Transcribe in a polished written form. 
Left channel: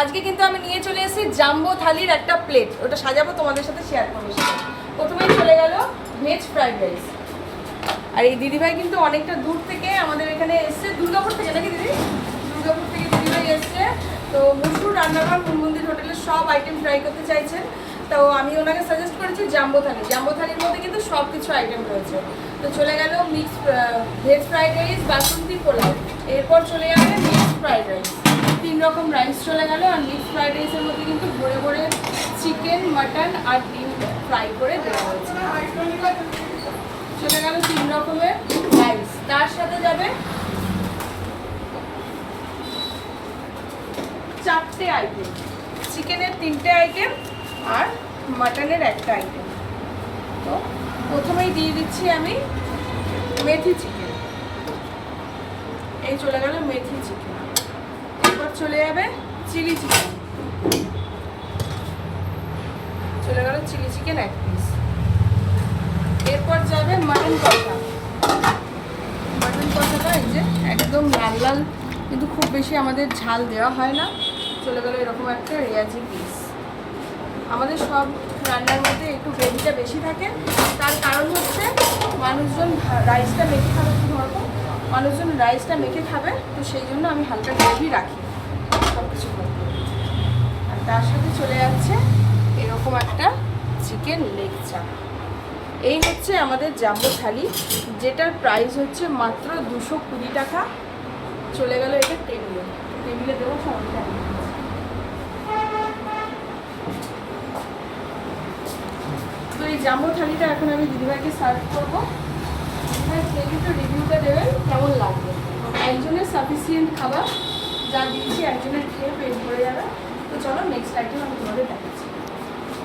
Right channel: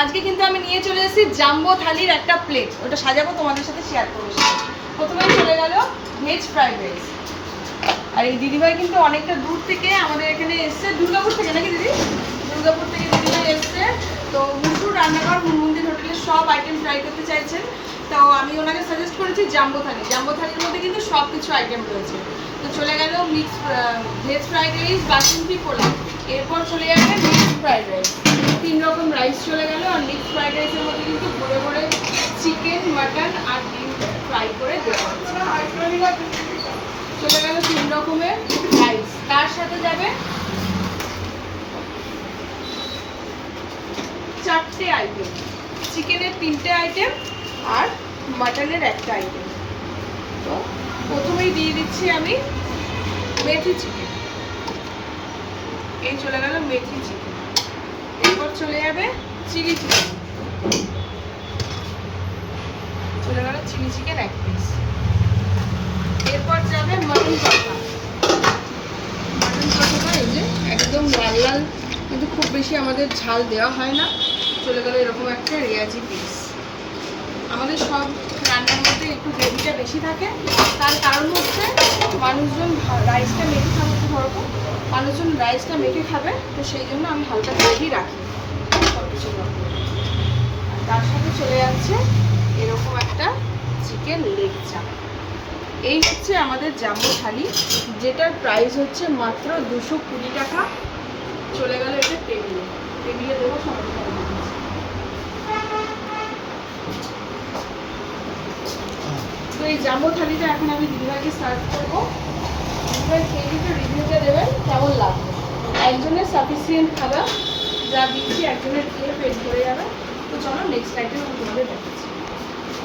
আজকে কিন্তু আমি নিয়ে চলে এসেছি জাম্বো থালির একটা প্লেট, ওটা সাজাবো তোমাদের সাথে শেয়ার করবো। প্রথমেই চলে গেল ভেজ ফ্রাইড রাইস। আর এই দিদিভাই কিন্তু অনেকটা দূর থেকে আমাদের এখানে এসছে, দুর্গাপুর থেকে নাকি দিদি? দুর্গাপুর থেকে দিদিভাই এসছে। তো মুসুর রান্নাঘর মন্দির হোটেলের সব আইটেম ট্রাই করতে চাইছেন, তো আমি ওনাকে সাজেস্ট করেছি জাম্বো থালি। জাম্বো থালির মধ্যে কিন্তু সব কিছু আইটেম রয়েছে। তো চলে গেল মিক্স ভেজ ফ্রাইড রাইস, বাসন্তী পোলাও, এরপর চলে যাবে মিক্স ফ্রাইড রাইস। 3 রকম রাইস চলে গেল। আর মিক্স ফ্রাইড রাইসের মধ্যে কিন্তু ভরে ভরে চিকেন, মাটন আর ডিম ফ্রাই করে দেওয়া হয়েছে। চলে গেল 3 রকমের রাইস। তার সাথে যাবে 4টে আইটেম, চিকেনের 3টে আইটেম আর মাটনের একটা আইটেম। তো প্রথমেই দিয়ে দিচ্ছি আমি মেথি চিকেন। এই চলে গেল মেথি চিকেন। এরপর চলে যাবে চিলি চিকেন, চলে গেল চিলি চিকেন 1 পিস। এরপর যাবে মাটন কষা। মাটন কষাটা এই যে একদম লাল লাল, কিন্তু খুব বেশি আমাদের ঝাল দেওয়া হয় না। চলে গেল এরকম একটা রেয়াজি পিস। আমাদের সব রান্নার মধ্যে একটু গ্রেভিটা বেশি থাকে, তার কারণ হচ্ছে মানুষজন রাইসটা মেখে খাবে, ধরবো মানুষজন রাইসটা মেখে খাবে, তো সেই জন্য আমি হালকা গ্রেভি রাখি সব কিছু। আর তার সাথে চলে যাচ্ছে এরকম একটা চিকেন লেগ চাপ। এই হচ্ছে আমাদের জাম্বো থালি, যেটার প্রাইস হচ্ছে মাত্র 220 টাকা। চলে গেল এটা টেবিলে, টেবিলে দেবো সমস্যা। তো এই জাম্বো থালিটা এখন আমি দিদিভাইকে সার্ভ করবো। দিদিভাই খেয়ে তো রিভিউটা দেবেন কেমন লাগবে। একজনের সাফিসিয়েন্ট খাবার যা দিচ্ছি, একজনের খেয়ে পেট ভরে যাবে। তো চলো নেক্সট আইটেম আমি